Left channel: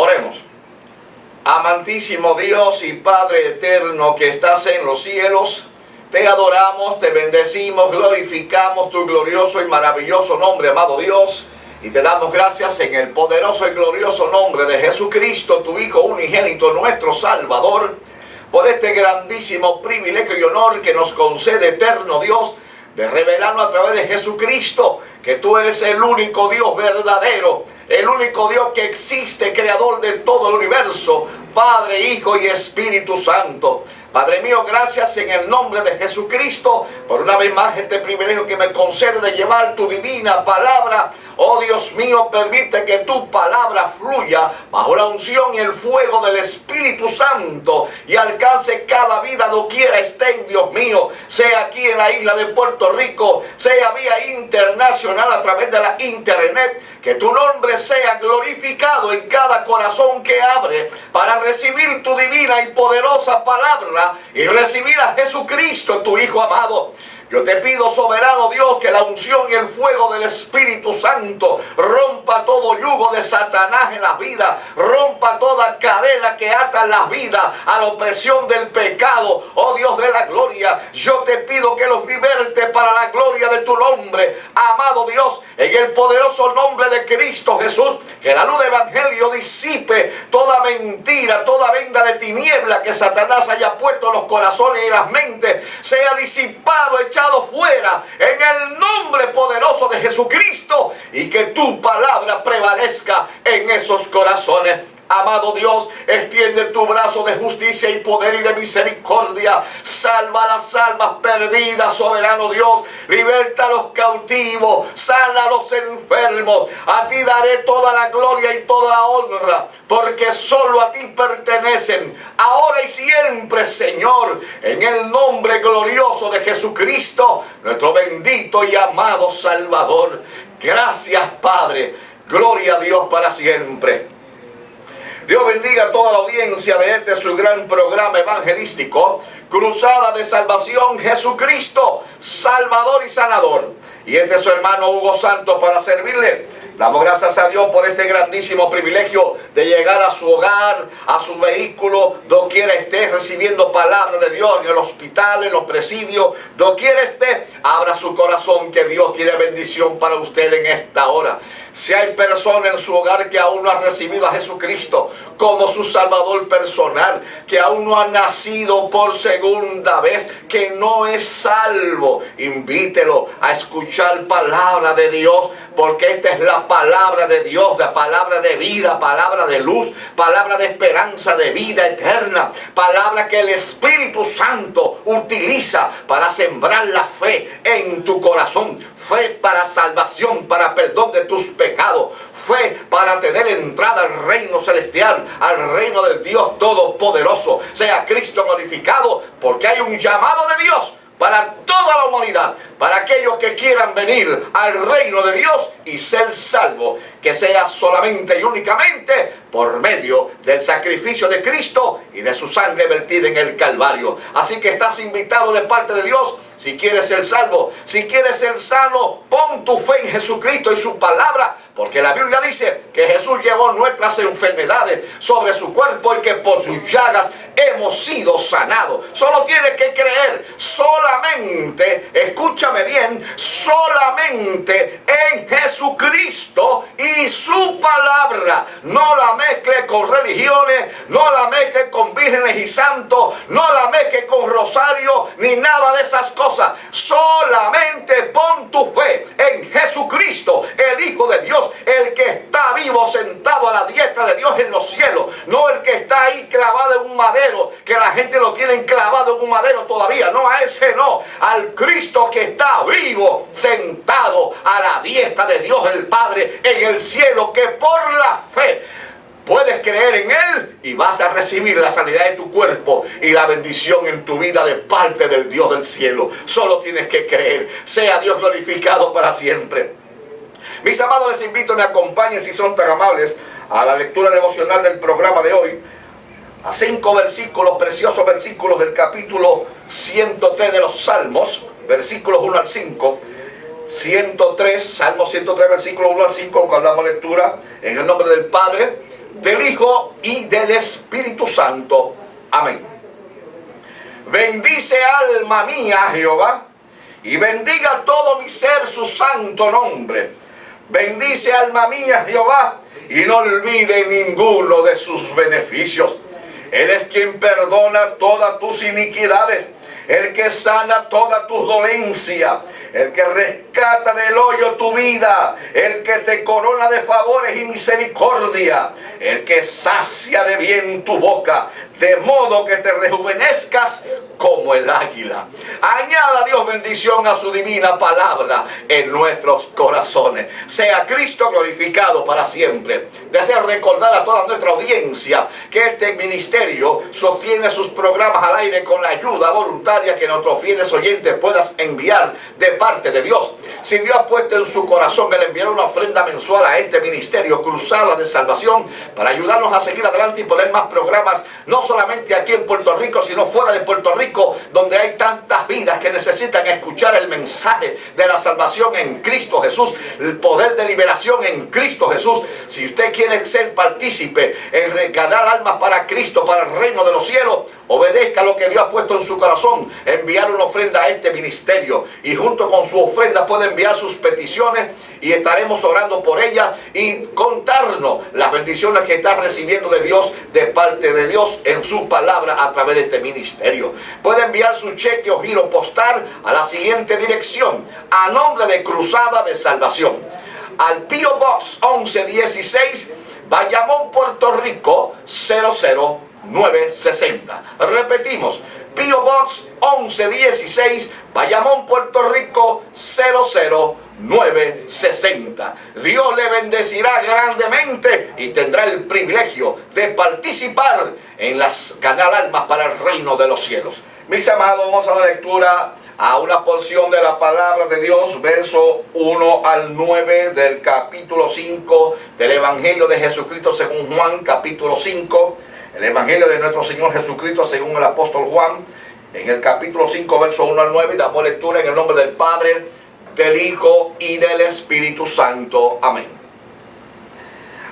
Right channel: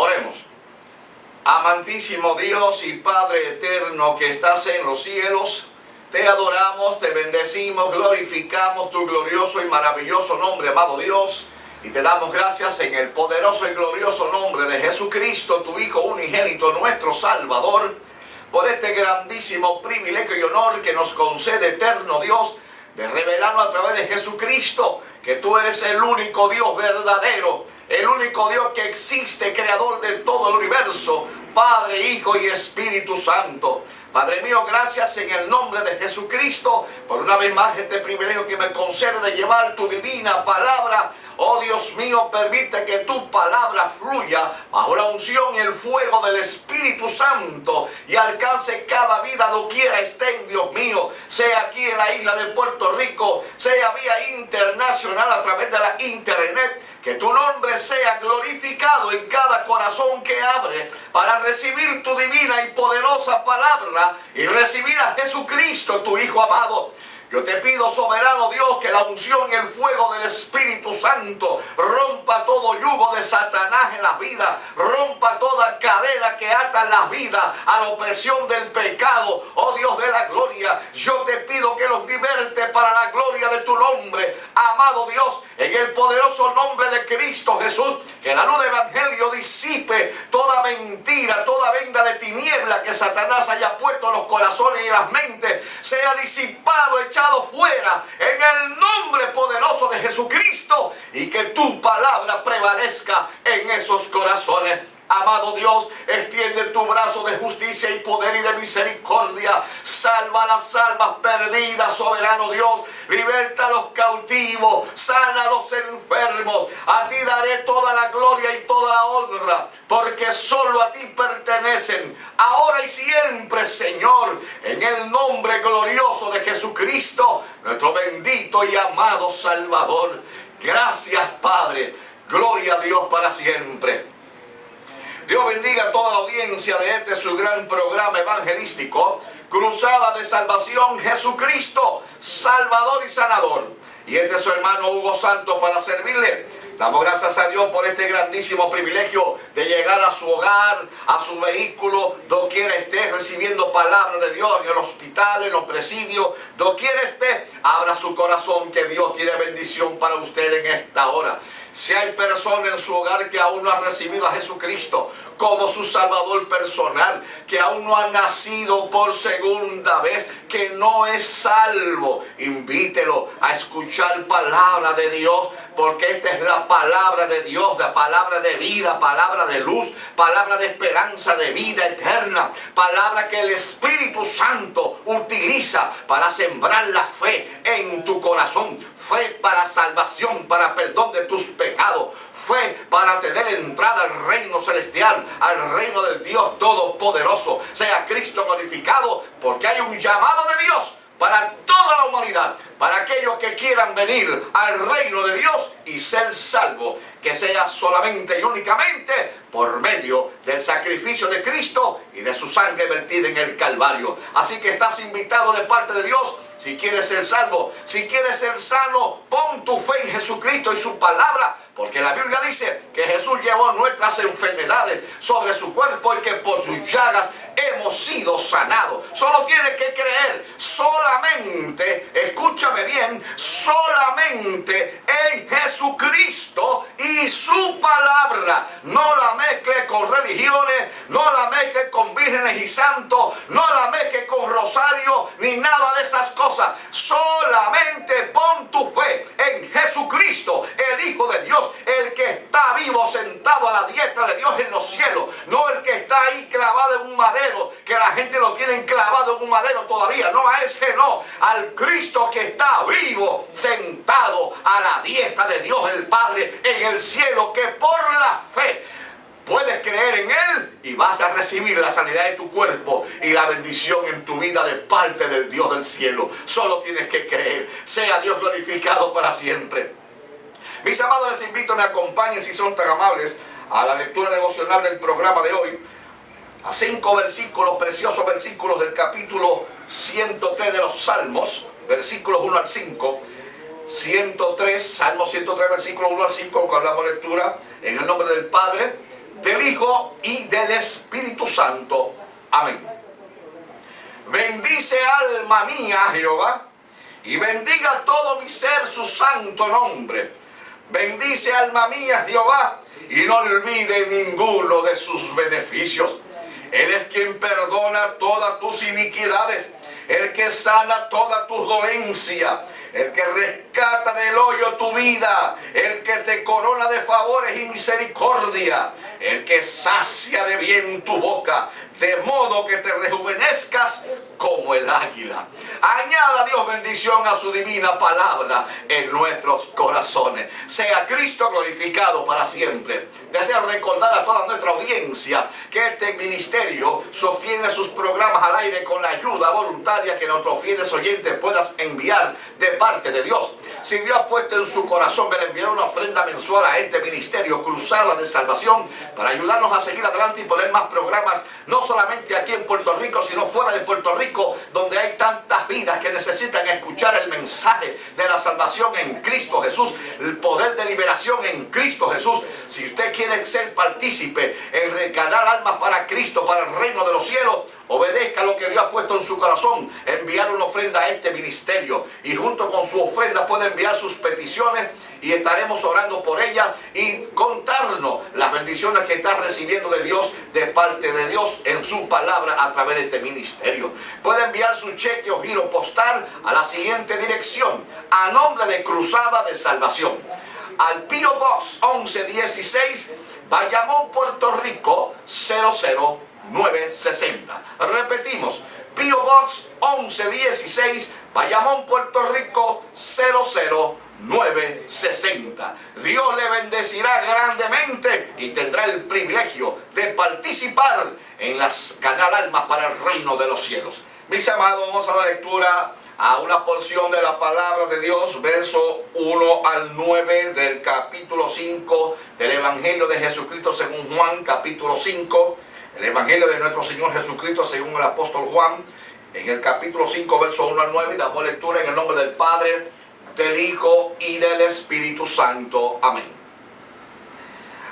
Oremos. Amantísimo Dios y Padre eterno que estás en los cielos, te adoramos, te bendecimos, glorificamos tu glorioso y maravilloso nombre, amado Dios, y te damos gracias en el poderoso y glorioso nombre de Jesucristo, tu Hijo unigénito, nuestro Salvador, por este grandísimo privilegio y honor que nos concede eterno Dios, de revelarnos a través de Jesucristo que tú eres el único Dios verdadero, el único Dios que existe, creador de todo el universo, Padre, Hijo y Espíritu Santo. Padre mío, gracias en el nombre de Jesucristo por una vez más este privilegio que me concede de llevar tu divina palabra. Oh Dios mío, permite que tu palabra fluya bajo la unción y el fuego del Espíritu Santo y alcance cada vida doquiera estén, Dios mío, sea aquí en la isla de Puerto Rico, sea vía internacional a través de la internet. Que tu nombre sea glorificado en cada corazón que abre para recibir tu divina y poderosa palabra y recibir a Jesucristo, tu Hijo amado. Yo te pido, soberano Dios, que la unción y el fuego del Espíritu Santo rompa todo yugo de Satanás en las vidas, rompa toda cadena que ata las vidas a la opresión del pecado. Oh Dios de la gloria, yo te pido que los liberte para la gloria de tu nombre, amado Dios, en el poderoso nombre de Cristo Jesús. Que la luz del Evangelio disipe toda mentira, toda venda de tiniebla que Satanás haya puesto en los corazones y las mentes, sea disipado, echado fuera en el nombre poderoso de Jesucristo, y que tu palabra prevalezca en esos corazones. Amado Dios, extiende tu brazo de justicia y poder y de misericordia. Salva las almas perdidas, soberano Dios. Liberta a los cautivos, sana a los enfermos. A ti daré toda la gloria y toda la honra, porque solo a ti pertenecen, ahora y siempre, Señor, en el nombre glorioso de Jesucristo, nuestro bendito y amado Salvador. Gracias, Padre. Gloria a Dios para siempre. Dios bendiga a toda la audiencia de este su gran programa evangelístico, Cruzada de Salvación, Jesucristo, Salvador y Sanador. Y este es su hermano Hugo Santos para servirle. Damos gracias a Dios por este grandísimo privilegio de llegar a su hogar, a su vehículo, doquiera esté recibiendo palabra de Dios, en el hospital, en los presidios, doquiera esté, abra su corazón, que Dios quiere bendición para usted en esta hora. Si hay personas en su hogar que aún no han recibido a Jesucristo como su Salvador personal, que aún no han nacido por segunda vez, que no es salvo, invítelo a escuchar palabra de Dios, porque esta es la palabra de Dios, la palabra de vida, palabra de luz, palabra de esperanza, de vida eterna, palabra que el Espíritu Santo utiliza para sembrar la fe en tu corazón, fe para salvación, para perdón de tus pecados, fe para tener entrada al reino celestial, al reino del Dios Todopoderoso. Sea Cristo glorificado, porque hay un llamado de Dios para toda la humanidad, para aquellos que quieran venir al reino de Dios y ser salvos, que sea solamente y únicamente por medio del sacrificio de Cristo y de su sangre vertida en el Calvario. Así que estás invitado de parte de Dios. Si quieres ser salvo, si quieres ser sano, pon tu fe en Jesucristo y su palabra, porque la Biblia dice que Jesús llevó nuestras enfermedades sobre su cuerpo y que por sus llagas hemos sido sanados. Solo tienes que creer, solamente, escúchame bien, solamente en Jesucristo y su palabra. No la mezcle con religiones, no la mezcle con vírgenes y santos, no la mezcle con rosario, ni nada de esas cosas. Solamente pon tu fe en Jesucristo, el Hijo de Dios, el que está vivo sentado a la diestra de Dios en los cielos, no el que está ahí clavado en un madero, que la gente lo tiene clavado en un madero todavía. No, a ese no, al Cristo que está vivo sentado a la diestra de Dios el Padre en el cielo, que por la fe puedes creer en Él y vas a recibir la sanidad de tu cuerpo y la bendición en tu vida de parte del Dios del cielo. Solo tienes que creer. Sea Dios glorificado para siempre. Mis amados, les invito a que me acompañen, si son tan amables, a la lectura devocional del programa de hoy, a 5 versículos, preciosos versículos del capítulo 103 de los Salmos, versículos 1 al 5. 103, Salmo 103, versículos 1 al 5, cuando damos lectura en el nombre del Padre, del Hijo y del Espíritu Santo. Amén. Bendice alma mía a Jehová, y bendiga todo mi ser su santo nombre. Bendice alma mía a Jehová, y no olvide ninguno de sus beneficios. Él es quien perdona todas tus iniquidades, el que sana toda tu dolencia, el que rescata del hoyo tu vida, el que te corona de favores y misericordia, el que sacia de bien tu boca, de modo que te rejuvenezcas como el águila. Añada Dios bendición a su divina palabra en nuestros corazones. Sea Cristo glorificado para siempre. Deseo recordar a toda nuestra audiencia que este ministerio sostiene sus programas al aire con la ayuda voluntaria que nuestros fieles oyentes puedan enviar de parte de Dios. Si Dios ha puesto en su corazón el enviar una ofrenda mensual a este ministerio Cruzada de Salvación para ayudarnos a seguir adelante y poner más programas, no solamente aquí en Puerto Rico, sino fuera de Puerto Rico, donde hay tantas vidas que necesitan escuchar el mensaje de la salvación en Cristo Jesús, el poder de liberación en Cristo Jesús. Si usted quiere ser partícipe en regalar almas para Cristo, para el reino de los cielos, obedezca lo que Dios ha puesto en su corazón, enviar una ofrenda a este ministerio, y junto con su ofrenda puede enviar sus peticiones y estaremos orando por ellas y contarnos las bendiciones que está recibiendo de Dios, de parte de Dios en su palabra a través de este ministerio. Puede enviar su cheque o giro postal a la siguiente dirección, a nombre de Cruzada de Salvación, al P.O. Box 1116, Bayamón, Puerto Rico 00960. Repetimos, P.O. Box 1116, Bayamón, Puerto Rico 00960. Dios le bendecirá grandemente y tendrá el privilegio de participar en las Canal Almas para el reino de los cielos. Mis amados, vamos a dar lectura a una porción de la palabra de Dios, verso 1 al 9 del capítulo 5 del Evangelio de Jesucristo según Juan, capítulo 5. El Evangelio de nuestro Señor Jesucristo según el apóstol Juan, en el capítulo 5, verso 1 al 9, y damos lectura en el nombre del Padre, del Hijo y del Espíritu Santo. Amén.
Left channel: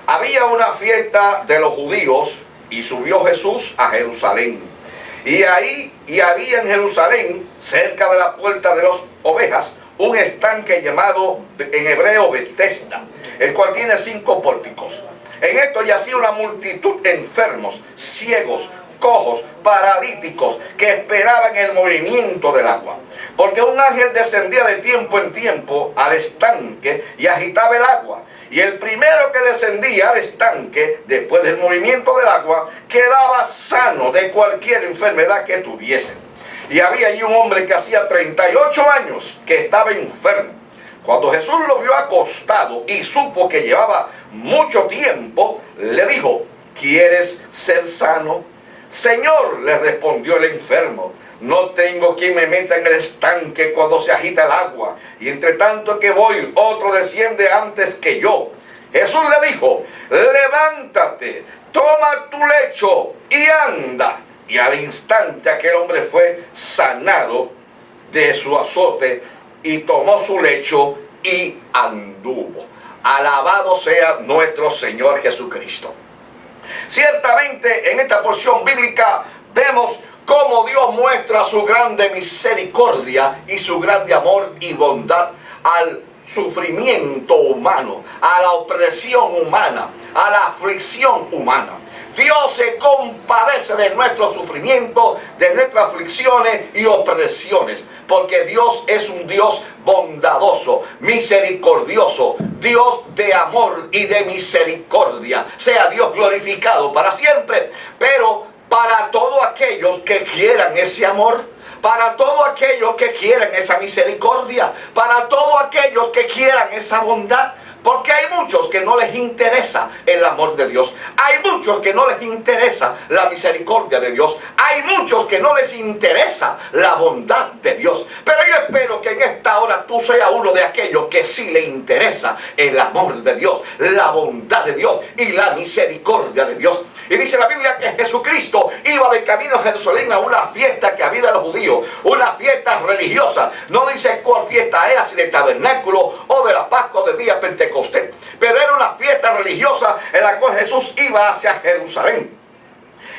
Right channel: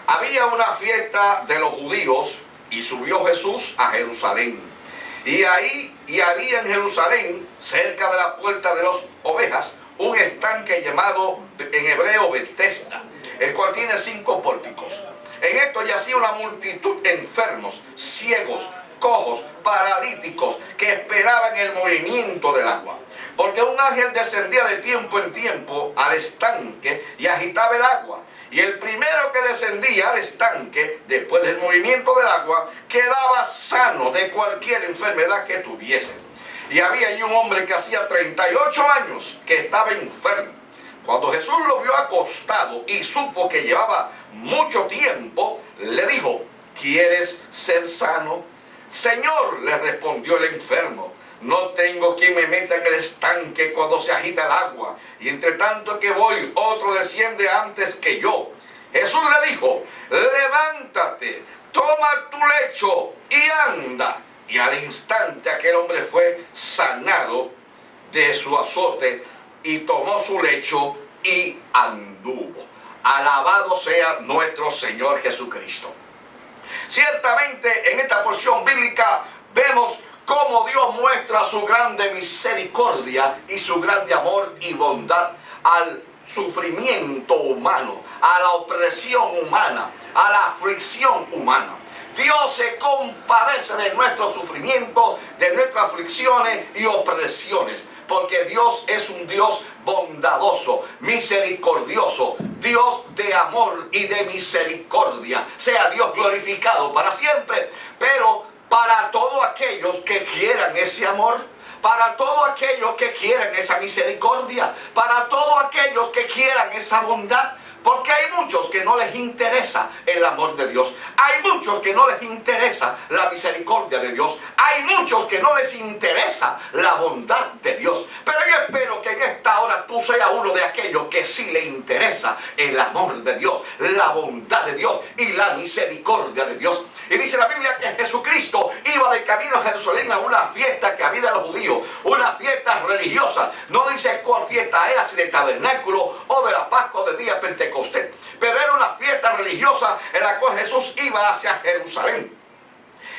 Había una fiesta de los judíos y subió Jesús a Jerusalén. Y había en Jerusalén, cerca de la puerta de las ovejas, un estanque llamado en hebreo Betesda, el cual tiene 5 pórticos. En esto yacía una multitud de enfermos, ciegos, cojos, paralíticos, que esperaban el movimiento del agua. Porque un ángel descendía de tiempo en tiempo al estanque y agitaba el agua. Y el primero que descendía al estanque, después del movimiento del agua, quedaba sano de cualquier enfermedad que tuviese. Y había allí un hombre que hacía 38 años que estaba enfermo. Cuando Jesús lo vio acostado y supo que llevaba mucho tiempo, le dijo: ¿quieres ser sano? Señor, le respondió el enfermo, no tengo quien me meta en el estanque cuando se agita el agua, y entre tanto que voy, otro desciende antes que yo. Jesús le dijo: levántate, toma tu lecho y anda. Y al instante aquel hombre fue sanado de su azote y tomó su lecho y anduvo. Alabado sea nuestro Señor Jesucristo. Ciertamente en esta porción bíblica vemos cómo Dios muestra su grande misericordia y su grande amor y bondad al sufrimiento humano, a la opresión humana, a la aflicción humana. Dios se compadece de nuestro sufrimiento, de nuestras aflicciones y opresiones, porque Dios es un Dios bondadoso, misericordioso, Dios de amor y de misericordia. Sea Dios glorificado para siempre. Pero para todos aquellos que quieran ese amor, para todos aquellos que quieran esa misericordia, para todos aquellos que quieran esa bondad. Porque hay muchos que no les interesa el amor de Dios. Hay muchos que no les interesa la misericordia de Dios. Hay muchos que no les interesa la bondad de Dios. Pero yo espero que en esta hora tú seas uno de aquellos que sí le interesa el amor de Dios, la bondad de Dios y la misericordia de Dios. Y dice la Biblia que Jesucristo iba de camino a Jerusalén a una fiesta que había de los judíos, una fiesta religiosa. No dice cuál fiesta era, si de tabernáculo o de la Pascua o de día Pentecostés. Pentecostés, pero era una fiesta religiosa en la cual Jesús iba hacia Jerusalén.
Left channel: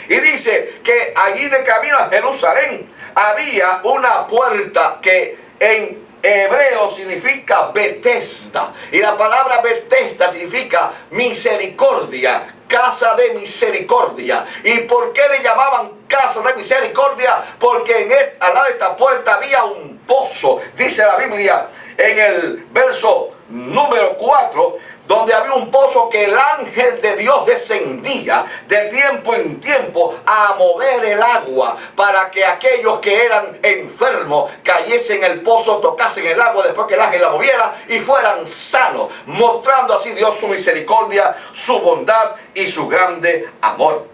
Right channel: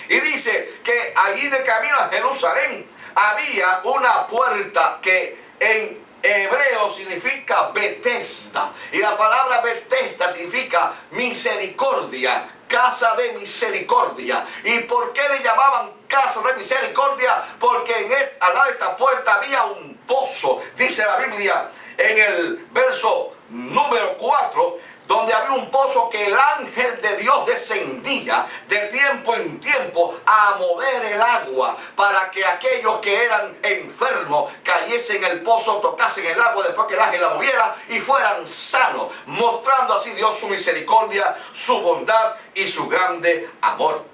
Y dice que allí de camino a Jerusalén había una puerta que en hebreo significa Betesda. Y la palabra Betesda significa misericordia, casa de misericordia. ¿Y por qué le llamaban casa de misericordia? Porque al lado de esta puerta había un pozo. Dice la Biblia en el verso número 4, donde había un pozo que el ángel de Dios descendía de tiempo en tiempo a mover el agua para que aquellos que eran enfermos cayesen en el pozo, tocasen el agua después que el ángel la moviera y fueran sanos, mostrando así Dios su misericordia, su bondad y su grande amor.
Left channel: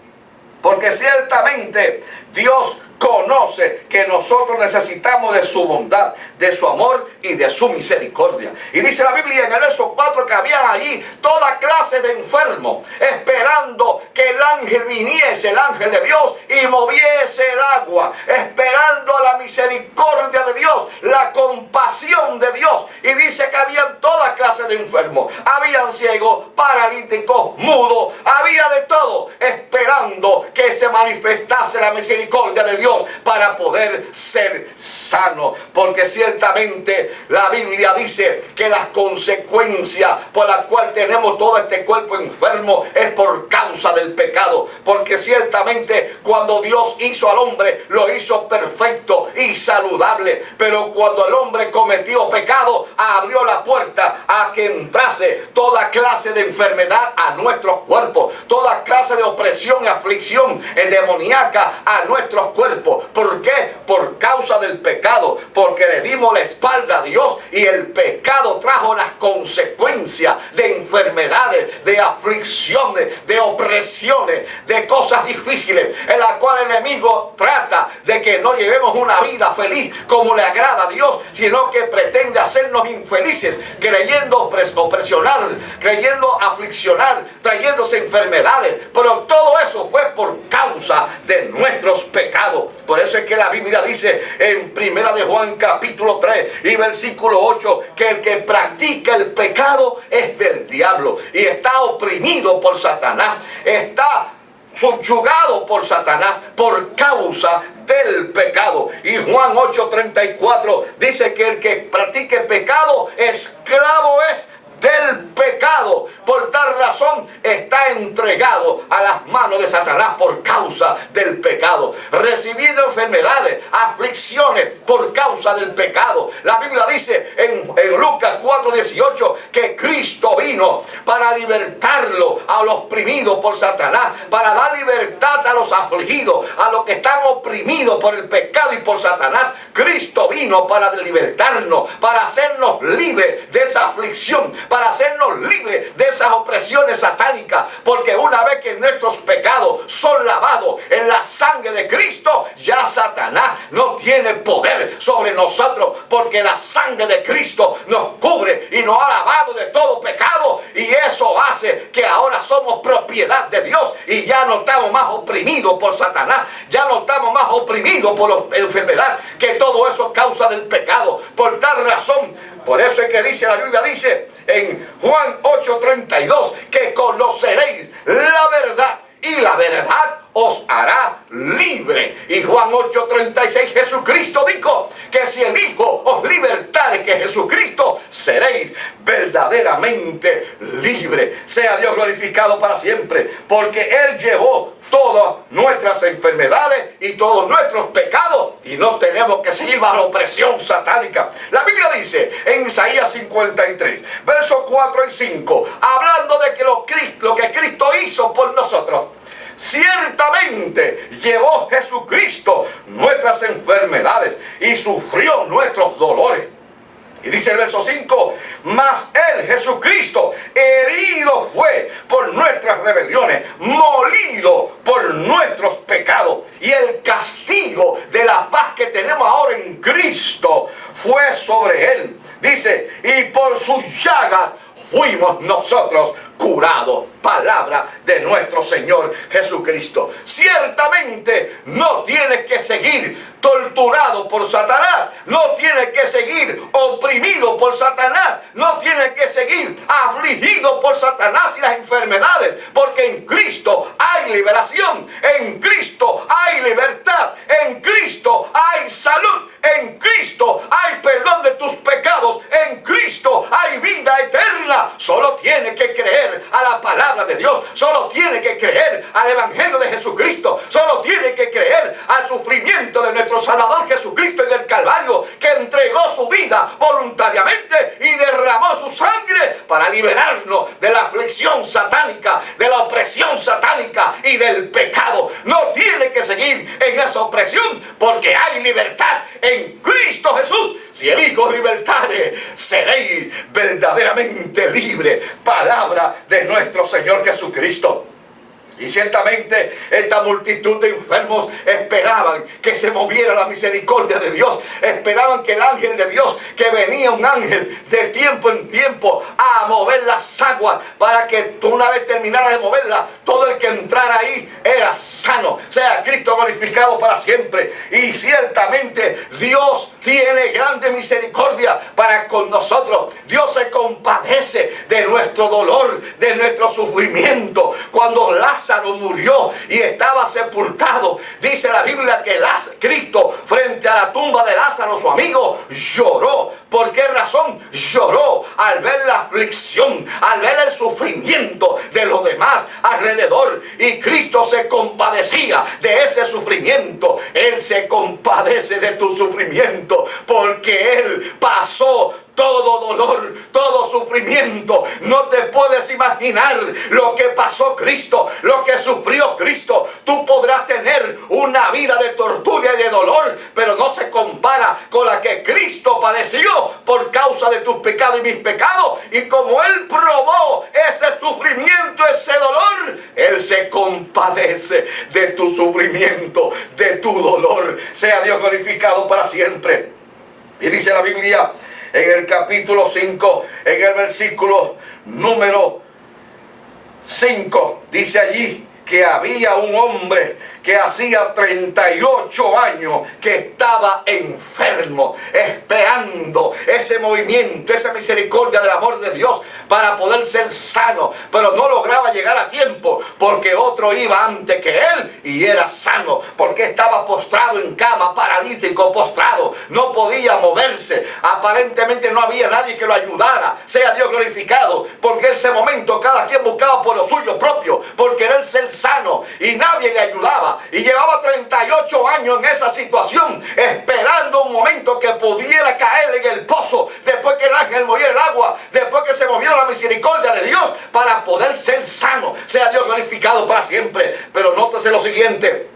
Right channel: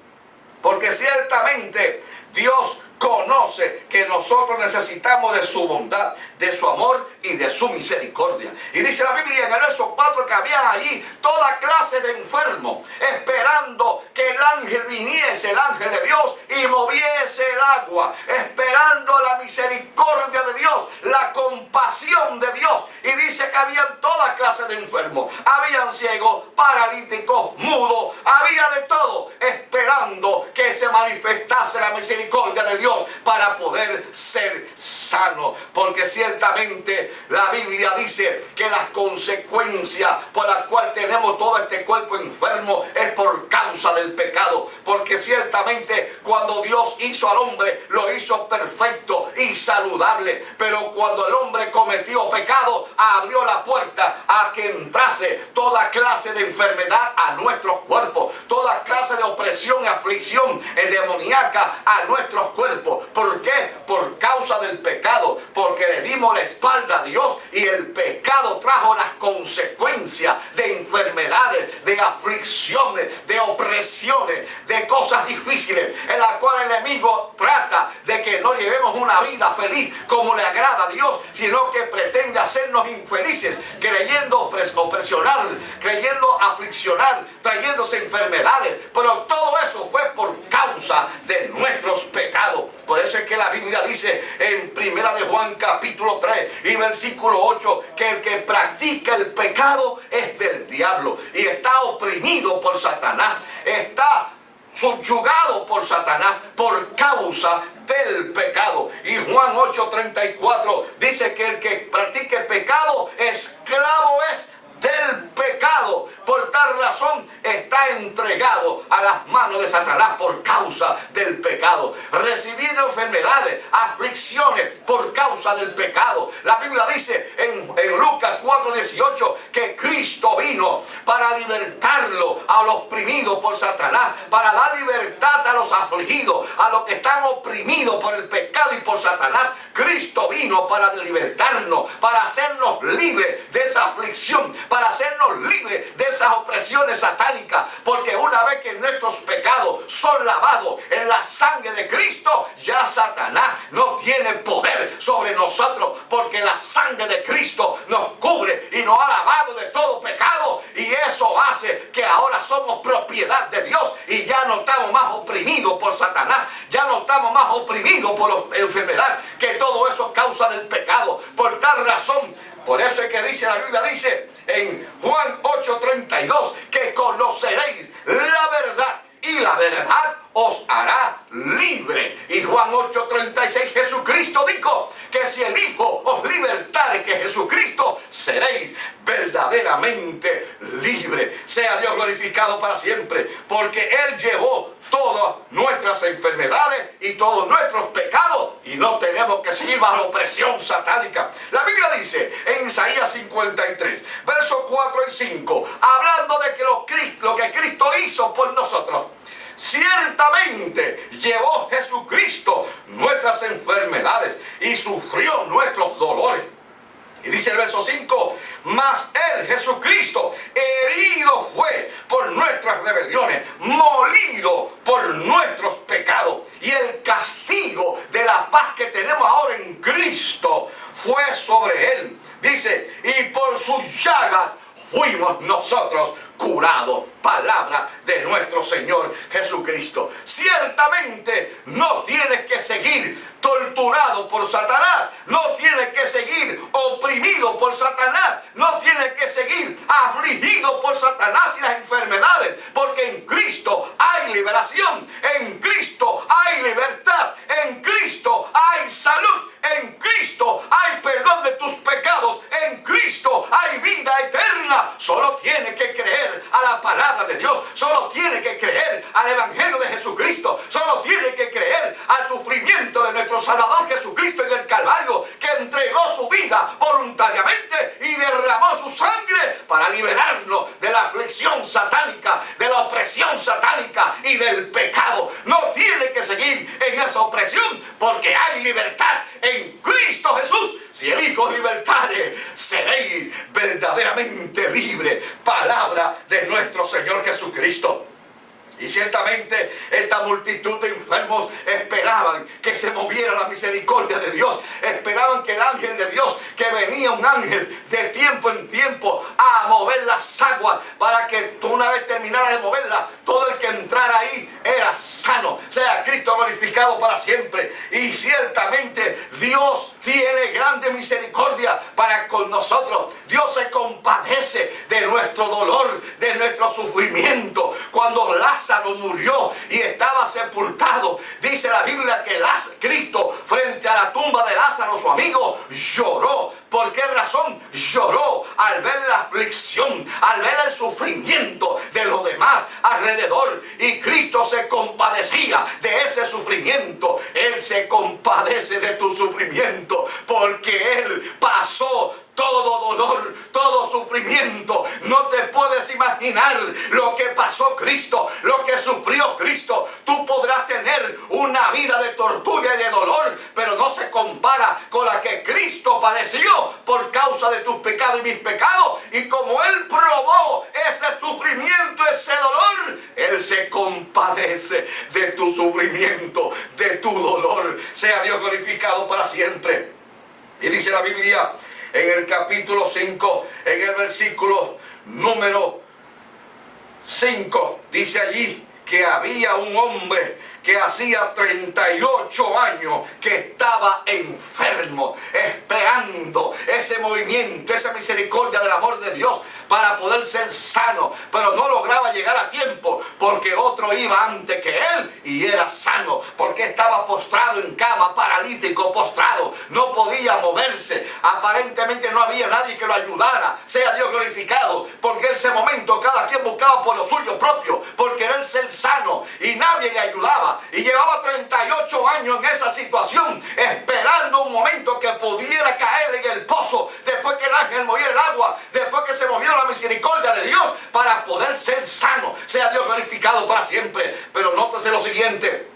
Porque ciertamente Dios conoce que nosotros necesitamos de su bondad, de su amor y de su misericordia. Y dice la Biblia en el verso 4 que había allí toda clase de enfermos, esperando que el ángel viniese, el ángel de Dios, y moviese el agua, esperando la misericordia de Dios, la compasión de Dios. Y dice que habían toda clase de enfermos, habían ciegos, paralíticos, mudos, había de todo, esperando que se manifestase la misericordia de Dios para poder ser sano. Porque ciertamente la Biblia dice que las consecuencias por las cuales tenemos todo este cuerpo enfermo es por causa del pecado. Porque ciertamente cuando Dios hizo al hombre, lo hizo perfecto y saludable, pero cuando el hombre cometió pecado, abrió la puerta a que entrase toda clase de enfermedad a nuestros cuerpos, toda clase de opresión y aflicción demoníaca a nuestros cuerpos. ¿Por qué? Por causa del pecado, porque le dimos la espalda a Dios y el pecado trajo las consecuencias de enfermedades, de aflicciones, de opresiones, de cosas difíciles en las cuales el enemigo trata de que no llevemos una vida feliz como le agrada a Dios, sino que pretende hacernos infelices, creyendo opresionar, creyendo afliccionar, trayéndose enfermedades. Pero todo eso fue por causa de nuestros pecados. Por eso es que la Biblia dice en 1 de Juan capítulo 3 y versículo 8 que el que practica el pecado es del diablo y está oprimido por Satanás, está subyugado por Satanás por causa del pecado. Y Juan 8:34 dice que el que practique pecado, esclavo es del pecado. Por tal razón está entregado a las manos de Satanás por causa del pecado, recibiendo enfermedades, aflicciones por causa del pecado. La Biblia dice en Lucas 4:18 que Cristo vino para libertarlo a los oprimidos por Satanás, para dar libertad a los afligidos, a los que están oprimidos por el pecado y por Satanás. Cristo vino para libertarnos, para hacernos libres de esa aflicción, para hacernos libres de esas opresiones satánicas. Porque una vez que nuestros pecados son lavados en la sangre de Cristo, ya Satanás no tiene poder sobre nosotros, porque la sangre de Cristo nos cubre y nos ha lavado de todo pecado, y eso hace que ahora somos propiedad de Dios y ya no estamos más oprimidos por Satanás, ya no estamos más oprimidos por la enfermedad, que todo eso es causa del pecado. Por tal razón, por eso es que dice la Biblia, dice en Juan 8:32 que conoceréis la verdad y la verdad os hará libre. Y Juan 8:36, Jesucristo dijo que si el Hijo os libertare, que Jesucristo, seréis verdaderamente libre. Sea Dios glorificado para siempre, porque Él llevó todas nuestras enfermedades y todos nuestros pecados, y no tenemos que seguir bajo la opresión satánica. La Biblia dice en Isaías 53, versos 4 y 5, hablando de que lo que Cristo hizo por nosotros: ciertamente llevó Jesucristo nuestras enfermedades y sufrió nuestros dolores. Y dice el verso 5, mas Él, Jesucristo, herido fue por nuestras rebeliones, molido por nuestros pecados. Y el castigo de la paz que tenemos ahora en Cristo fue sobre Él. Dice, y por sus llagas fuimos nosotros curados. Palabra eterna de nuestro Señor Jesucristo. Ciertamente no tienes que seguir torturado por Satanás, no tienes que seguir oprimido por Satanás, no tienes que seguir afligido por Satanás y las enfermedades, porque en Cristo hay liberación, en Cristo hay libertad, en Cristo hay salud, en Cristo hay perdón de tus pecados, en Cristo hay vida eterna. Solo tienes que creer a la palabra de Dios, solo tienes que creer al Evangelio de Jesucristo, solo tienes que creer al sufrimiento de nuestro Salvador Jesucristo en el Calvario, que entregó su vida voluntariamente y derramó su sangre para liberarnos de la aflicción satánica, de la opresión satánica y del pecado. No tiene que seguir en esa opresión, porque hay libertad en Cristo Jesús. Si el Hijo libertare, seréis verdaderamente libres. Palabra de nuestro Señor Jesucristo. Y ciertamente esta multitud de enfermos esperaban que se moviera la misericordia de Dios. Esperaban que el ángel de Dios, que venía un ángel de tiempo en tiempo a mover las aguas, para que tú, una vez terminara de moverla, todo el que entrara ahí era sano. Sea Cristo glorificado para siempre. Y ciertamente Dios tiene grande misericordia para con nosotros. Dios se compadece de nuestro dolor, de nuestro sufrimiento. Cuando Lázaro murió y estaba sepultado, dice la Biblia que Cristo, frente a la tumba de Lázaro, su amigo, lloró. ¿Por qué razón? Lloró al ver la aflicción, al ver el sufrimiento de los demás alrededor. Y Cristo se compadecía de ese sufrimiento. Él se compadece de tu sufrimiento, porque Él pasó todo dolor, todo sufrimiento. No te puedes imaginar lo que pasó Cristo, lo que sufrió Cristo. Tú podrás tener una vida de tortura y de dolor, pero no se compara con la que Cristo padeció por causa de tus pecados y mis pecados. Y como Él probó ese sufrimiento, ese dolor, Él se compadece de tu sufrimiento, de tu dolor. Sea Dios glorificado para siempre. Y dice la Biblia en el capítulo 5, en el versículo número 5, dice allí que había un hombre que hacía 38 años que estaba enfermo, esperando ese movimiento, esa misericordia del amor de Dios para poder ser sano, pero no lograba llegar a tiempo, porque otro iba antes que él y era sano, porque estaba postrado en cama, paralítico, postrado, no podía moverse, aparentemente no había nadie que lo ayudara. Sea Dios glorificado, porque en ese momento cada quien buscaba por lo suyo propio, por querer ser sano, y nadie le ayudaba. Y llevaba 38 años en esa situación, esperando un momento que pudiera caer en el pozo, después que el ángel moviera el agua, después que se moviera la misericordia de Dios, para poder ser sano. Sea Dios glorificado para siempre. Pero nótese lo siguiente:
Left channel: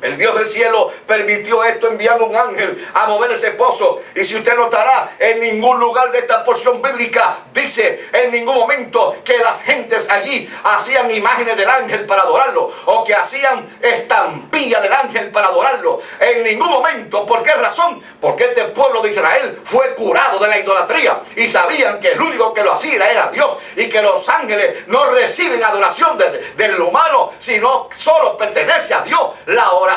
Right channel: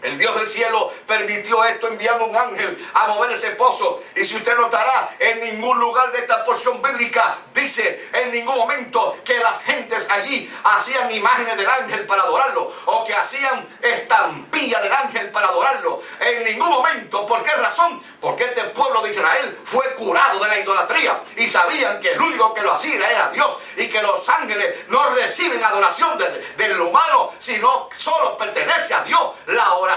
el Dios del cielo permitió esto enviando un ángel a mover ese pozo. Y si usted notará, en ningún lugar de esta porción bíblica dice en ningún momento que las gentes allí hacían imágenes del ángel para adorarlo, o que hacían estampillas del ángel para adorarlo. En ningún momento. ¿Por qué razón? Porque este pueblo de Israel fue curado de la idolatría y sabían que el único que lo hacía era Dios, y que los ángeles no reciben adoración del humano, sino solo pertenece a Dios la oración.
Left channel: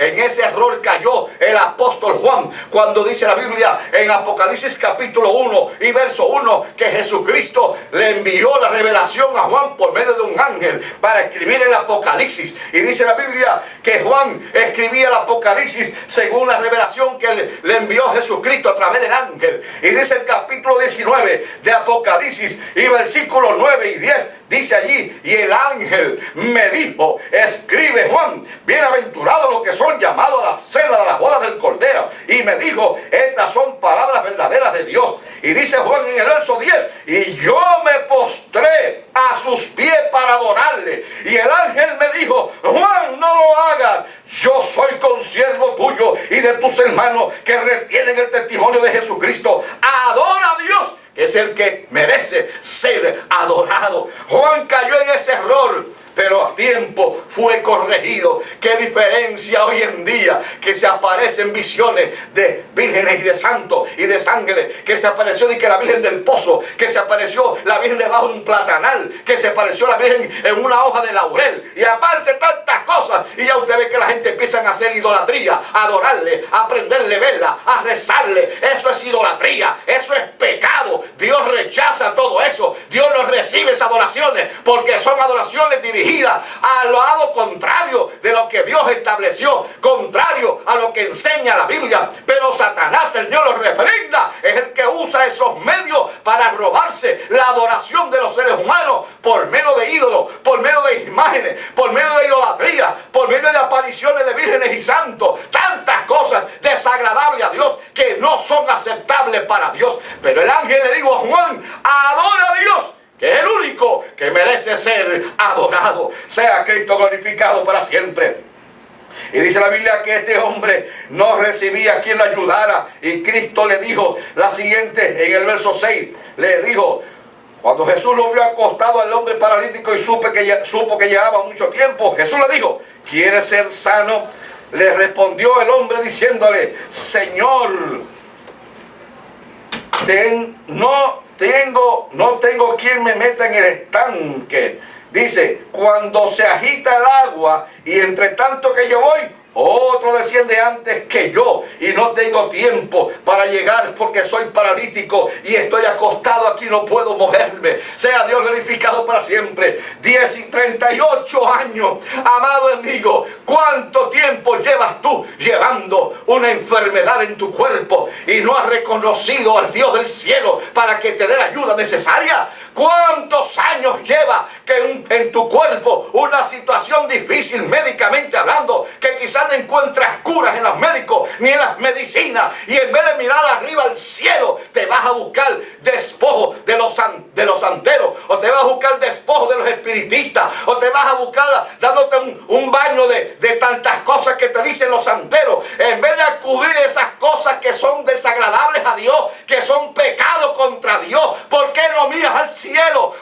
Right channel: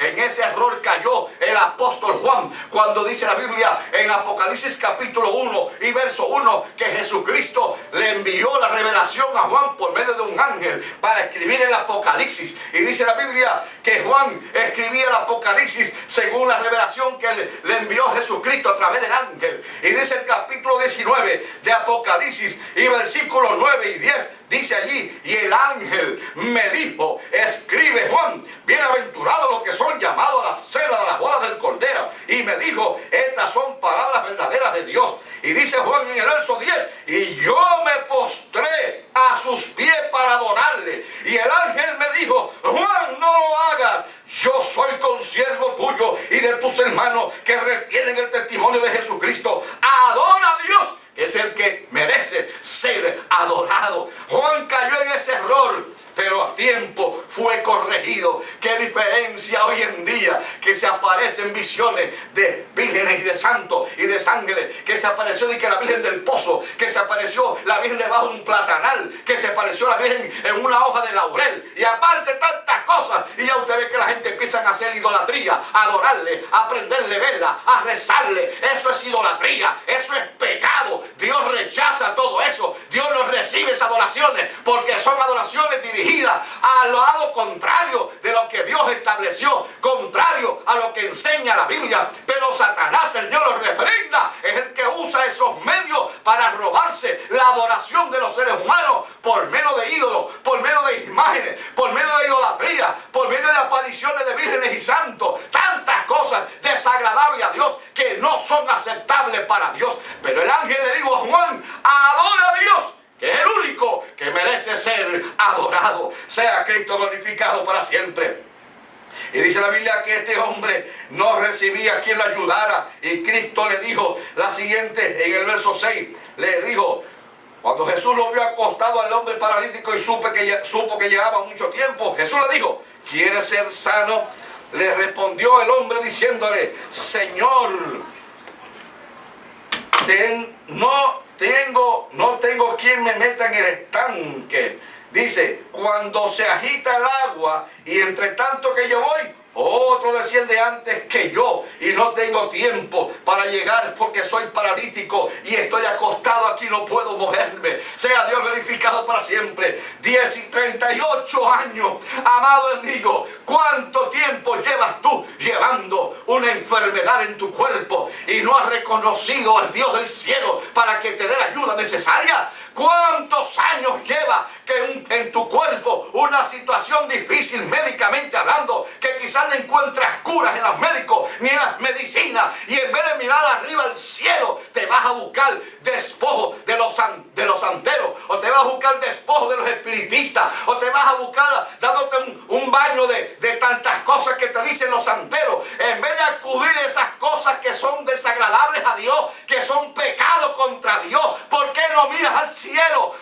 En ese error cayó el apóstol Juan, cuando dice la Biblia en Apocalipsis capítulo 1 y verso 1 que Jesucristo le envió la revelación a Juan por medio de un ángel para escribir el Apocalipsis. Y dice la Biblia que Juan escribía el Apocalipsis según la revelación que le envió Jesucristo a través del ángel. Y dice el capítulo 19 de Apocalipsis y versículos 9 y 10, dice allí: y el ángel me dijo, escribe, Juan, bienaventurados los que son llamados a la cena de las bodas del Cordero. Y me dijo, estas son palabras verdaderas de Dios. Y dice Juan en el verso 10, y yo me postré a sus pies para adorarle. Y el ángel me dijo, Juan, no lo hagas. Yo soy consiervo tuyo y de tus hermanos que retienen el testimonio de Jesucristo. Adora a Dios, que es el que merece ser adorado. Juan cayó en ese error, pero a tiempo fue corregido. Qué diferencia hoy en día, que se aparecen visiones de vírgenes y de santos y de sangre, que se apareció de que la Virgen del Pozo, que se apareció la Virgen debajo de un platanal, que se apareció la Virgen en una hoja de laurel, y aparte tantas cosas. Y ya usted ve que la gente empieza a hacer idolatría, a adorarle, a aprenderle vela, a rezarle. Eso es idolatría, eso es pecado. Dios rechaza todo eso. Dios no recibe esas adoraciones, porque son adoraciones dirigidas al lado contrario de lo que Dios estableció, contrario a lo que enseña la Biblia. Pero Satanás, el Señor lo reprenda, es el que usa esos medios para robarse la adoración de los seres humanos por medio de ídolos, por medio de imágenes, por medio de idolatría, por medio de apariciones de vírgenes y santos, tantas cosas desagradables a Dios que no son aceptables para Dios. Pero el ángel le dijo a Juan: adora a Dios, que es el único que merece ser adorado. Sea Cristo glorificado para siempre. Y dice la Biblia que este hombre no recibía a quien lo ayudara. Y Cristo le dijo la siguiente, en el verso 6, le dijo, cuando Jesús lo vio acostado al hombre paralítico y supo que llevaba mucho tiempo, Jesús le dijo: ¿quieres ser sano? Le respondió el hombre diciéndole: Señor, no tengo quien me meta en el estanque. Dice: cuando se agita el agua y entre tanto que yo voy, otro desciende antes que yo y no tengo tiempo para llegar porque soy paralítico y estoy acostado aquí, no puedo moverme. Sea Dios glorificado para siempre. 10 y 38 años, amado amigo, ¿cuánto tiempo llevas tú llevando una enfermedad en tu cuerpo y no has reconocido al Dios del cielo para que te dé la ayuda necesaria? ¿Cuántos años lleva que en tu cuerpo una situación difícil médicamente hablando, que quizás no encuentras curas en los médicos ni en las medicinas, y en vez de mirar arriba al cielo te vas a buscar despojo de los santeros, o te vas a buscar despojo de los espiritistas, o te vas a buscar dándote un baño de tantas cosas que te dicen los santeros, en vez de acudir a esas cosas que son desagradables a Dios, que son pecado contra Dios? ¿Por qué no miras al cielo?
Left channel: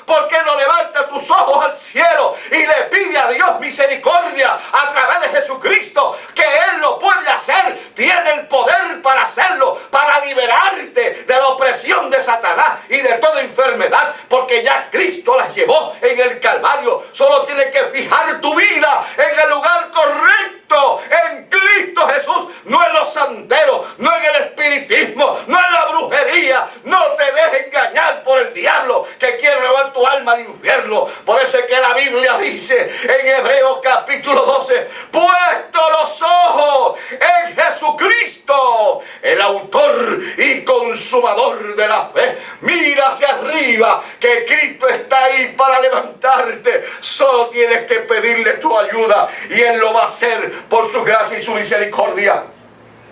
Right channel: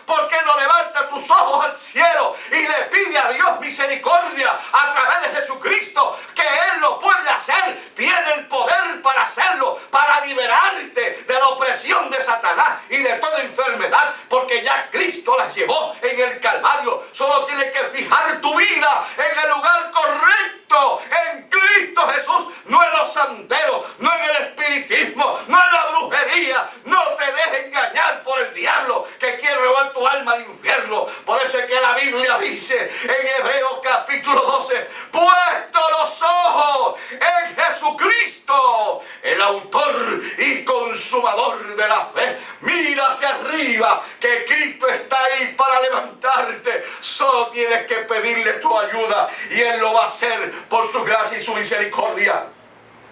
¿Por qué no levantas tus ojos al cielo y le pide a Dios misericordia a través de Jesucristo, que Él lo puede hacer? Tiene el poder para hacerlo, para liberarte de la opresión de Satanás y de toda enfermedad, porque ya Cristo las llevó en el Calvario. Solo tienes que fijar tu vida en el lugar correcto, en Cristo Jesús, no en los santeros, no en el espiritismo, no en la brujería. No te dejes engañar por el diablo que quiere robar tu alma al infierno. Por eso es que la Biblia dice en Hebreos capítulo 12: puesto los ojos en Jesucristo, el autor y consumador de la fe. Mira hacia arriba, que Cristo está ahí para levantarte. Solo tienes que pedirle tu ayuda y Él lo va a hacer por su gracia y su misericordia.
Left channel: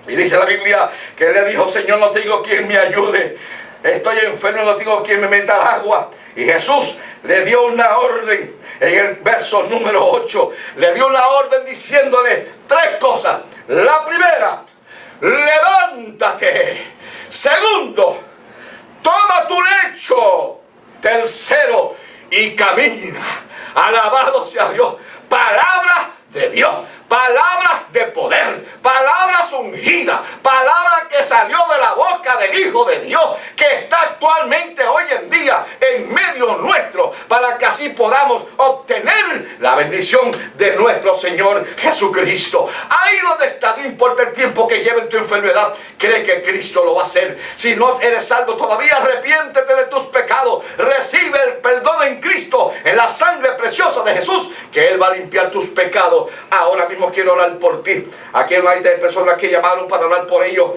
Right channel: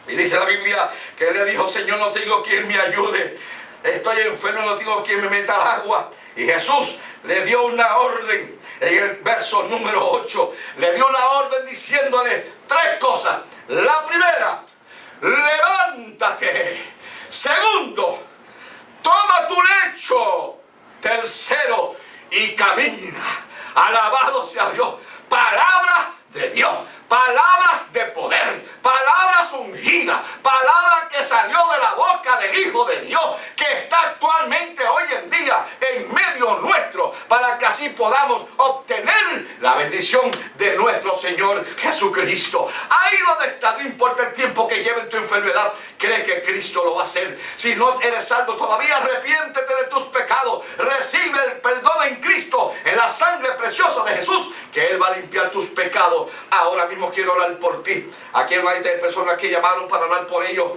Y dice la Biblia que Él le dijo: Señor, no tengo quien me ayude, estoy enfermo, no tengo quien me meta al agua. Y Jesús le dio una orden en el verso número 8. Le dio una orden diciéndole 3 cosas. La primera: levántate. Segundo: toma tu lecho. Tercero: y camina. Alabado sea Dios. Palabras de Dios, palabras de poder, palabras ungidas, palabra que salió de la boca del Hijo de Dios, que está actualmente hoy en día en medio nuestro, para que así podamos obtener la bendición de nuestro Señor Jesucristo. Ahí donde está, no importa el tiempo que lleve en tu enfermedad, cree que Cristo lo va a hacer. Si no eres salvo todavía, arrepiéntete de tus pecados, recibe el perdón en Cristo, en la sangre preciosa de Jesús, que Él va a limpiar tus pecados. Ahora mismo quiero orar por ti. Aquí hay personas que llamaron para orar por ellos.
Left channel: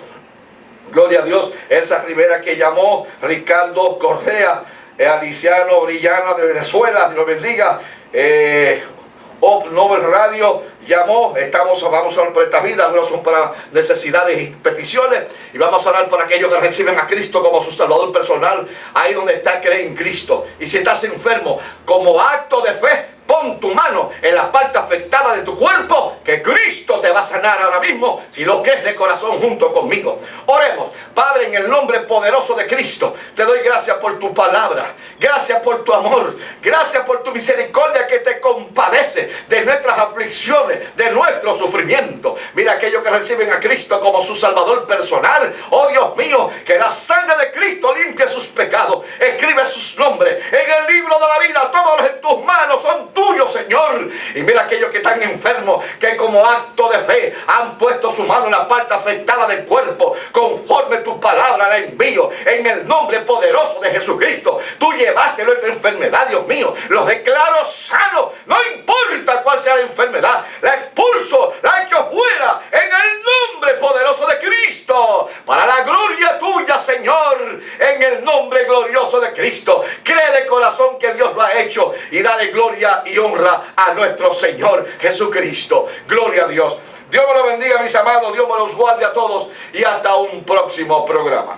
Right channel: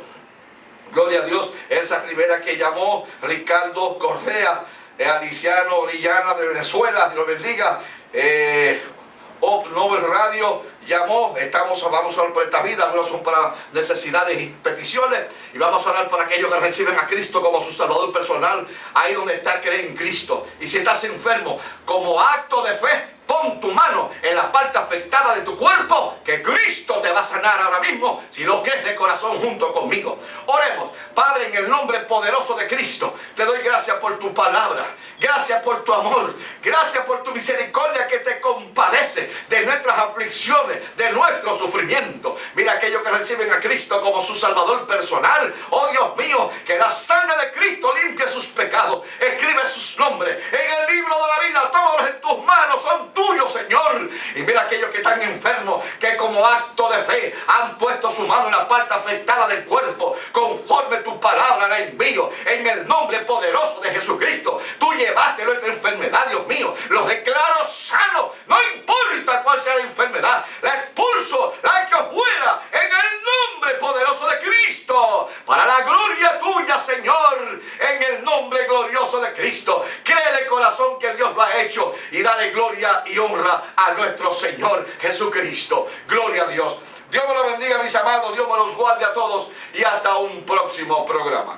Gloria a Dios. Elsa Rivera, que llamó. Ricardo Correa, Aliciano Brillana de Venezuela, Dios lo bendiga. Nobel Radio llamó. Vamos a orar por esta vida. Algunos son para necesidades y peticiones, y vamos a orar por aquellos que reciben a Cristo como su Salvador personal. Ahí donde está, cree en Cristo. Y si estás enfermo, como acto de fe, pon tu mano en la parte afectada de tu cuerpo, que Cristo te va a sanar ahora mismo, si lo crees de corazón junto conmigo. Oremos. Padre, en el nombre poderoso de Cristo, te doy gracias por tu palabra, gracias por tu amor, gracias por tu misericordia que te compadece de nuestras aflicciones, de nuestro sufrimiento. Mira aquellos que reciben a Cristo como su Salvador personal. Oh Dios mío, que la sangre de Cristo limpie sus pecados, escribe sus nombres en el libro de la vida. Tómalos en tus manos, son tuyos, Señor. Y mira aquellos que están enfermos, que como acto de fe han puesto su mano en la parte afectada del cuerpo, conforme tu palabra la envío en el nombre poderoso de Jesucristo. Tú llevaste nuestra enfermedad, Dios mío, los declaro sanos, no importa cuál sea la enfermedad, la expulso, la echo fuera en el nombre poderoso de Cristo, para la gloria tuya, Señor, en el nombre glorioso de Cristo. Cree de corazón que Dios lo ha hecho y dale gloria y honra a nuestro Señor Jesucristo. Gloria a Dios. Dios me los bendiga, mis amados, Dios me los guarde a todos y hasta un próximo programa.